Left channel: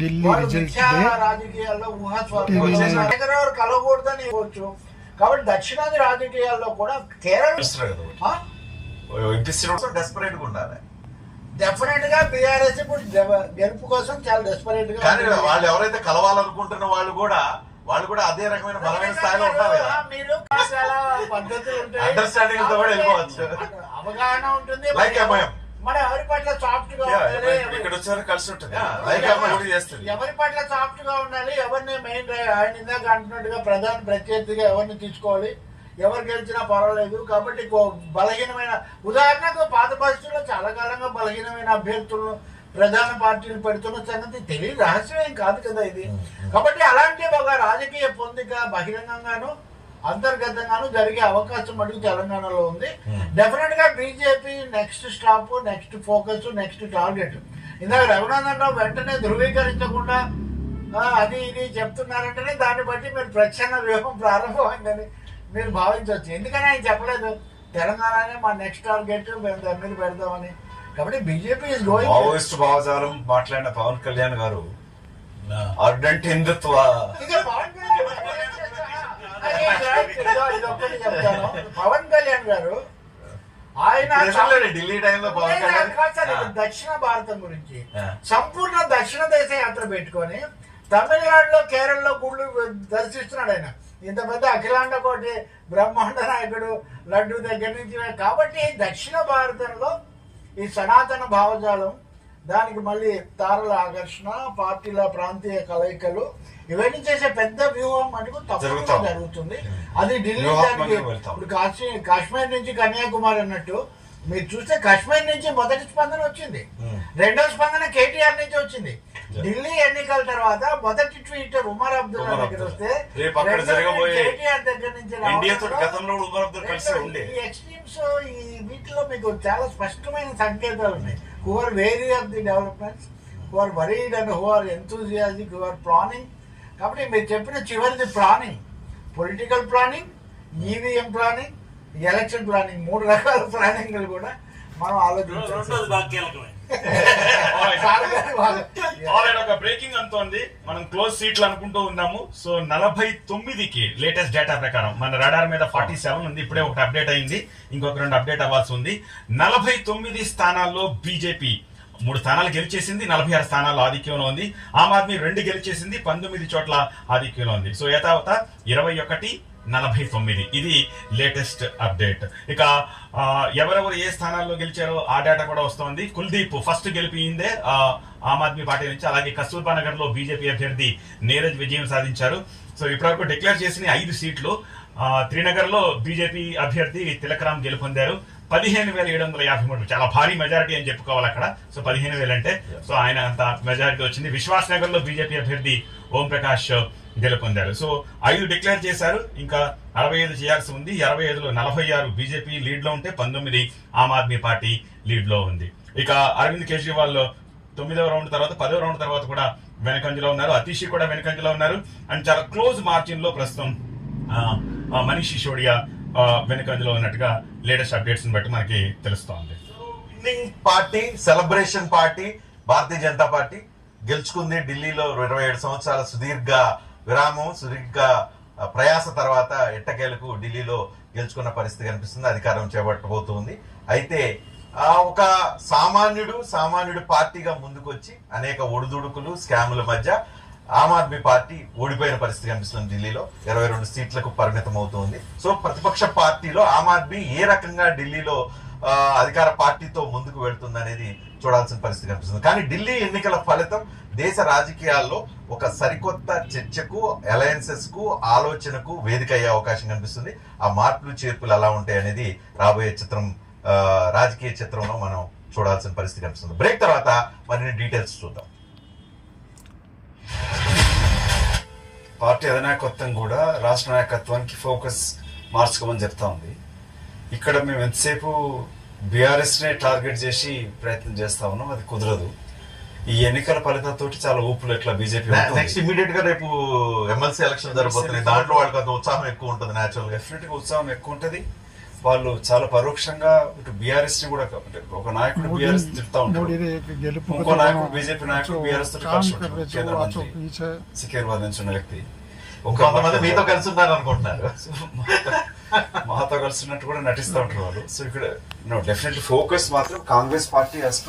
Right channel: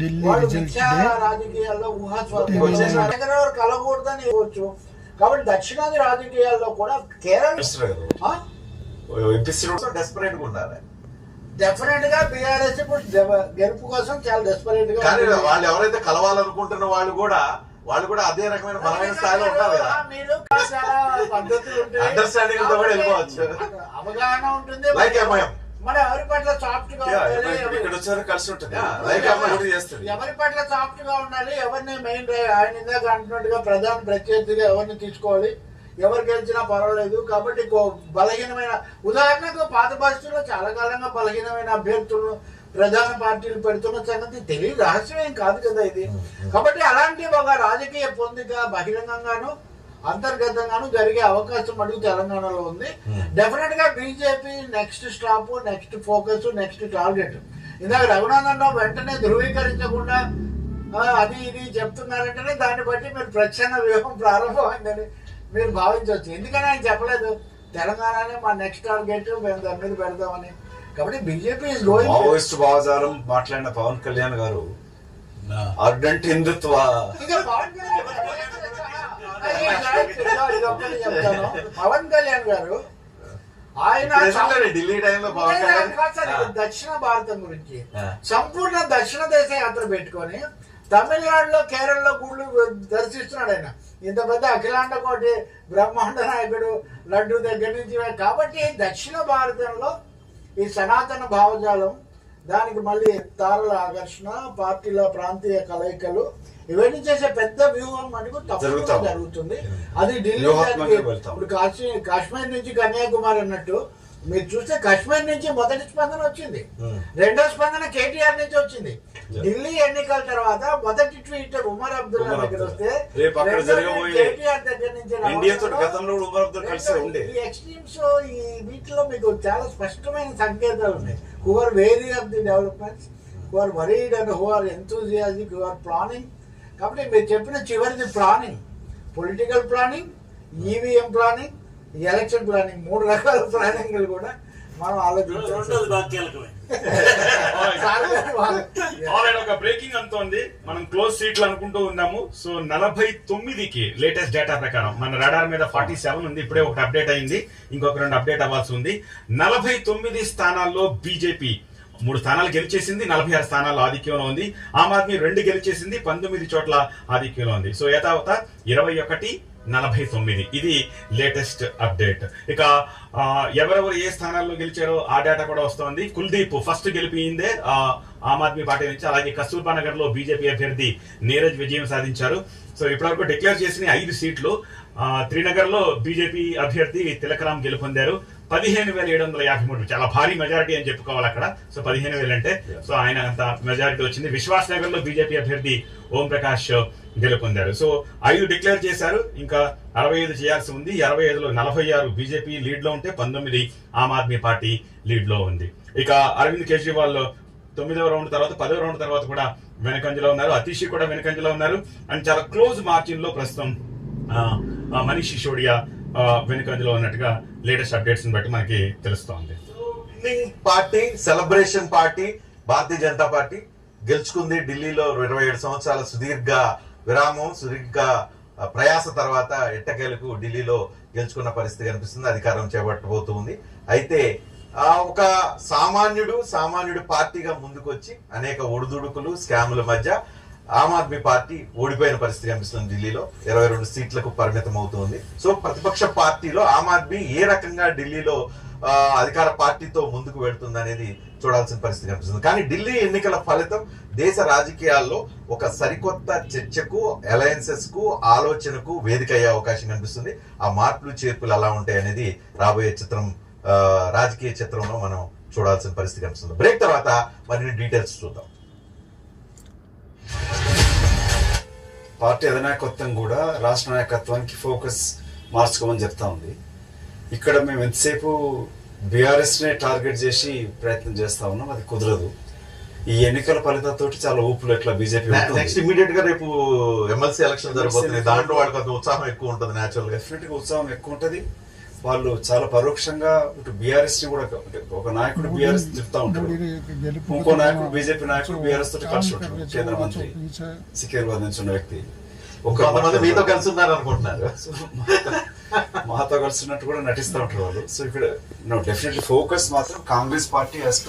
Delhi result కలగకూడదని ఇవ్వచ్చు కాబట్టి దక్షిణాది రాజకీయాల్లో కూడా కేరళ? డెస్పరేట్గా ఉండాలి డెఫినెట్గా బీఆర్ఎస్ ఇప్పుడు గెలుపు కోసం చాలా డెస్పరేట్గా కానీ. వాళ్ళు ఎవరైతే కలవాలనుకుంటున్న వాళ్ళు కూడా వాళ్ళు కూడా అదే రకమైన బలమైన స్థాయిలో కదా మీరు పద్ధతులు ఉంటాయి Understanding తో కూడా వెళ్ళిపోవచ్చు. అవగాహన ఉంటుంది MIM. మన ఎవరి పట్ల సాఫ్ట్గా ఇక్కడ వచ్చారు కలిసి ఉంటుంది. ఎవరి- పట్ల సాఫ్ట్గా ఉండాలి ఎవరిని మెయిన్ ఆయన ఇందాక అంటున్నట్టుగా ప్రధాన ప్రత్యర్థిగా ఎవరిని తీసుకోవాలి ఎవరు గెలిచినా పర్వాలేదు. కాబట్టి బలహీనమైన ఉదాహరణకు పాత పరిస్థితుల్లో చాలా కాలంగా బలహీనమైన అభ్యర్థులను ప్రధాన పార్టీలు పెడుతున్న సంగతి తెలియదు రహస్యం ఏం కాదు కదా ఇది. కాబట్టి అలాంటి ఒక రాజకీయ పొందిక బహిరంగంగాను అంతర్గతంగాను జరిగే అవకాశం అడుగు తెలంగాణలో ఉంది. డెఫినెట్గా BJP next stop next focus next target ఇందాక రఘునందన్ రావు వెంటనే ధృవీకరించకుండా అది ఇది చెప్తున్నారంటేనే దాన్ని బట్టి మీరు ప్రచ్ఛన్న వ్యూహం ప్రారంభమైందని మీరు భావించవచ్చు. ఎందుకని ఆయన చెప్పలేదు? తెలంగాణనే మా నెక్స్ట్ టార్గెట్ మేము దాని మీద పెడదామని కాబట్టి బీజేపీ మావోయిస్ట్ భావజాలం మాట్లాడిన పవన్ కళ్యాణ్ గారు అర్డెంట్ హిందుత్వ ఇంకా పవన్ కళ్యాణ్ గారు ఏం చేస్తారు? అది చెప్తాను. పవన్ కళ్యాణ్ గారు ఆయన ఢిల్లీ టైంలో పవన్ కళ్యాణ్ దక్షిణ భారతం గురించి. సంపూర్ణ దక్షిణ దేశ యాత్ర పెట్టుకొని తమిళనాడులో కేరళలో గుళ్ళు దర్శిస్తున్నాడు ఆయన. ఇంత పెద్ద అఖిలాండ కోటి బ్రహ్మాండ నాయకుడు లడ్డు దగ్గర నుంచి కాబట్టి దక్షిణ భారతంలో ఈ సనాతన భావజాలం దానికి మళ్ళీ తారల ఆకర్షణ పార్టీల ప్రాంతీయ కలయికలు ఇవన్నీ చేసే పెద్ద వ్యూహం మనకు తప్పకుండా జరుగుతాం. జరుగుతుంది అది ఢిల్లీ. ఇప్పుడు కాశ్మీర్ కాశ్మీర్ నుంచి కన్యాకుమారి అన్నట్టు మీరు చూస్తే కాశ్మీర్ నుంచి మొదటి స్పందన వచ్చింది. రెండో స్పందన కేటీఆర్ నుంచి వచ్చింది. ఢిల్లీ ఎన్నికల తర్వాత మొదటి ట్వీట్ ఉమర్ అబ్దుల్లా దగ్గర. వస్తే కేటీఆర్ దగ్గర నుంచి. ఈ ఎక్స్ట్రీమ్స్ ఈ వీటిలో మీకు చాలా స్పష్టమైన సంకేతాలు ఉన్నాయి. Who are wary of the developments who are worried and who are enthusiastic who are planning కాబట్టి మీరు చెప్పిన చివరిది planning political planning EVM planning election planning మూడు రకాల ప్లానింగ్లు కూడా మనం రెండోది ఆలోచించాలి బ్రేకింగ్ అంతోంది. మనం క్లోజ్ సీట్లు అనుకుంటూ ఉన్నాము. సో నలభై తొమ్మిదికి లేటెస్ట్ డేటా ప్రకారం మన రడార్ మీద ఫార్టీ సెవెన్ ఉంది. ఇప్పుడే ఒకటి అప్డేట్ అయింది. ఇంకొక రెండు అప్డేట్ అవ్వాల్సి ఉంది. నలభై తొమ్మిది స్థానాల్లో బీజేపీ మూడు స్థానాలు గెలిచేసింది. నలభై ఆరు స్థానాల్లో ఆధిక్యంలో ఉంది. ఆమ్ ఆద్మీ రెండు గెలిచేసింది. పంతొమ్మిది చోట్ల ఆధిక్యంలో ఉంది. సో యథావత ఇరవై ఒకటి నలభై తొమ్మిది. ఇది లేటెస్ట్ అప్డేట్. ఇక ఎవరెవరు ఏ స్థానాల్లో గెలిచారో ఆ డేటా కూడా వస్తోంది. కుల్దీప్ ఫస్ట్ గెలిపిందే ఆమ్ ఆద్మీ పార్టీ నుంచి. అలాగే కస్తూర్బా నగర్లో బీజేపీ అభ్యర్థి నీరజ్ విజయం సాధించారు. సో ఇప్పటివరకు డిక్లేర్ చేసిన ఐదు సీట్లు త్రినగర్లో బీజేపీ అభ్యర్థి తిలకరామ్ గెలుపొందారు. పదిహేను వేల ఏడు వందల యాభై మూడు. చాలా భారీ మెజారిటీ అని చెప్పుకోవాలి అక్కడ. సో పదిహేను వేలు అంటే సో ఆయన అంత మెజారిటీ వచ్చింది. విశ్వాస్ నగర్లో బీజేపీ అభ్యర్థి ఓం ప్రకాష్ గెలుపొందారు. సో ఐదు డిక్లేర్ చేశారు. ఇంకా అరవై ఐదు చేయాల్సి ఉంది. అరవై ఐదులో నలభై ఆరు బీజేపీ లీడ్లో ఉంటే పంతొమ్మిది ఆమ్ ఆద్మీ పార్టీ లీడ్లో ఉంది. ఇక అరవింద్ కేజ్రీవాల్ తొమ్మిదవ రౌండ్ తర్వాత పదవ రౌండ్ తర్వాత కూడా వెనకంజలో ఉన్నారు. అతీషి కూడా వెనకంజలో ఉన్నారు. అండ్ చాలా క్లోజ్ మార్జిన్లో ప్రస్తుతం మనీష్ సిసోడియా వెనకంజలో ఉన్నట్టుగా లేటెస్ట్ అప్డేట్స్ బట్టి మనకి తెలుస్తోంది. Party celebration party Bharatiya Janata Party గెలుచుకుంది ఢిల్లీలో ఇరవై ఏడు సంవత్సరాల సుదీర్ఘ విరామం సుదీర్ఘ ప్రయాస తర్వాత ఎట్టకేలకు ఢిల్లీలో గెలుచుకున్న పరిస్థితి కనిపిస్తుంది అధికారం చేపట్టబోతుంది. అయితే ఒక సామాన్యుడు సామాన్యుడు పార్టీగా ముందుకొచ్చి అనేక ఒడిదుడుకులు స్కాముల మధ్య ఆమ్ ఆద్మీ పార్టీ ఓడిపోయిన పరిస్థితి కనిపిస్తుంది ఢిల్లీలో. ఇరవై రెండు సీట్లకు పరిమితం అవుతుంది సో ప్రతిపక్ష పార్టీలో ఆమ్ ఆద్మీ ఏ రకంగా ఢిల్లీలో అధికార పార్టీతో ముందుకు వెళుతుంది అనేది చూడాల్సిన పరిస్థితి కనిపిస్తుంది. కానీ ఢిల్లీ ఎన్నికల ఫలితం దేశ రాజకీయాల్లో ఒక సరికొత్త చర్చకు అలయన్సెస్కు ఆలోచనకు వేదిక అయ్యే అవకాశం కనిపిస్తుంది. ఆ మార్పులు చేర్పులు ఎలా ఉంటాయి అనేది రాబోయే చిత్రం రాజకీయ చిత్రంలో మనం చూడాల్సిన పరిస్థితి కనిపిస్తుంది. బ్రేక్ తర్వాత మరిన్ని డీటెయిల్స్ చూద్దాం. పార్టీ అధినాయకత్వం కూడా రాష్ట్ర నాయకత్వానికి ఫోకస్ మార్చుకోమని చెప్తా ఉంది. ఇక్కడ మేము ఎంతసేపు బీఆర్ఎస్నే టార్గెట్ చేసి ప్రయత్నం చేస్తా ఉన్నాం అది కుదరదు. ఈ ఎన్నికల ఫలితాలతో చాలా ఊపులు ఎట్లా బీజేపీ నెక్స్ట్ ఇమీడియట్గా రేపు ఎమ్మెల్సీ ఎలక్షన్ జరిగిపోతుంది దాంట్లో వాళ్ళకి అంత ఉత్సాహం ఎక్కువ ఉంటుంది నేచురల్ డెఫినెట్గా ఉత్సాహం ఎక్కువ ఉంటుంది. వాళ్ళు చాలా పరోక్షంగా ఇటు బీఆర్ఎస్ని కూడా ఒక నాయకుడు బీఆర్ఎస్ తిడతా ఉంటాడు. ఇంకో నాయకుడు బీజేపీ నాయకుడు బీఆర్ఎస్తో కలిసి ఉంటాడు. కేంద్ర మంత్రి సికింద్రాబాద్ నుంచి ఉన్న వ్యక్తి. కొంతమంది మీతో కలిసి ఉన్నారు అనుకుంటున్నారు మాతో కలిసినట్టు కూడా నటిస్తూ ఉంటారు వాళ్ళు. సో ఇక్కడ నో డెఫినెట్లీ ఫోకస్ మాత్రం కాంగ్రెస్ పార్టీ హాస్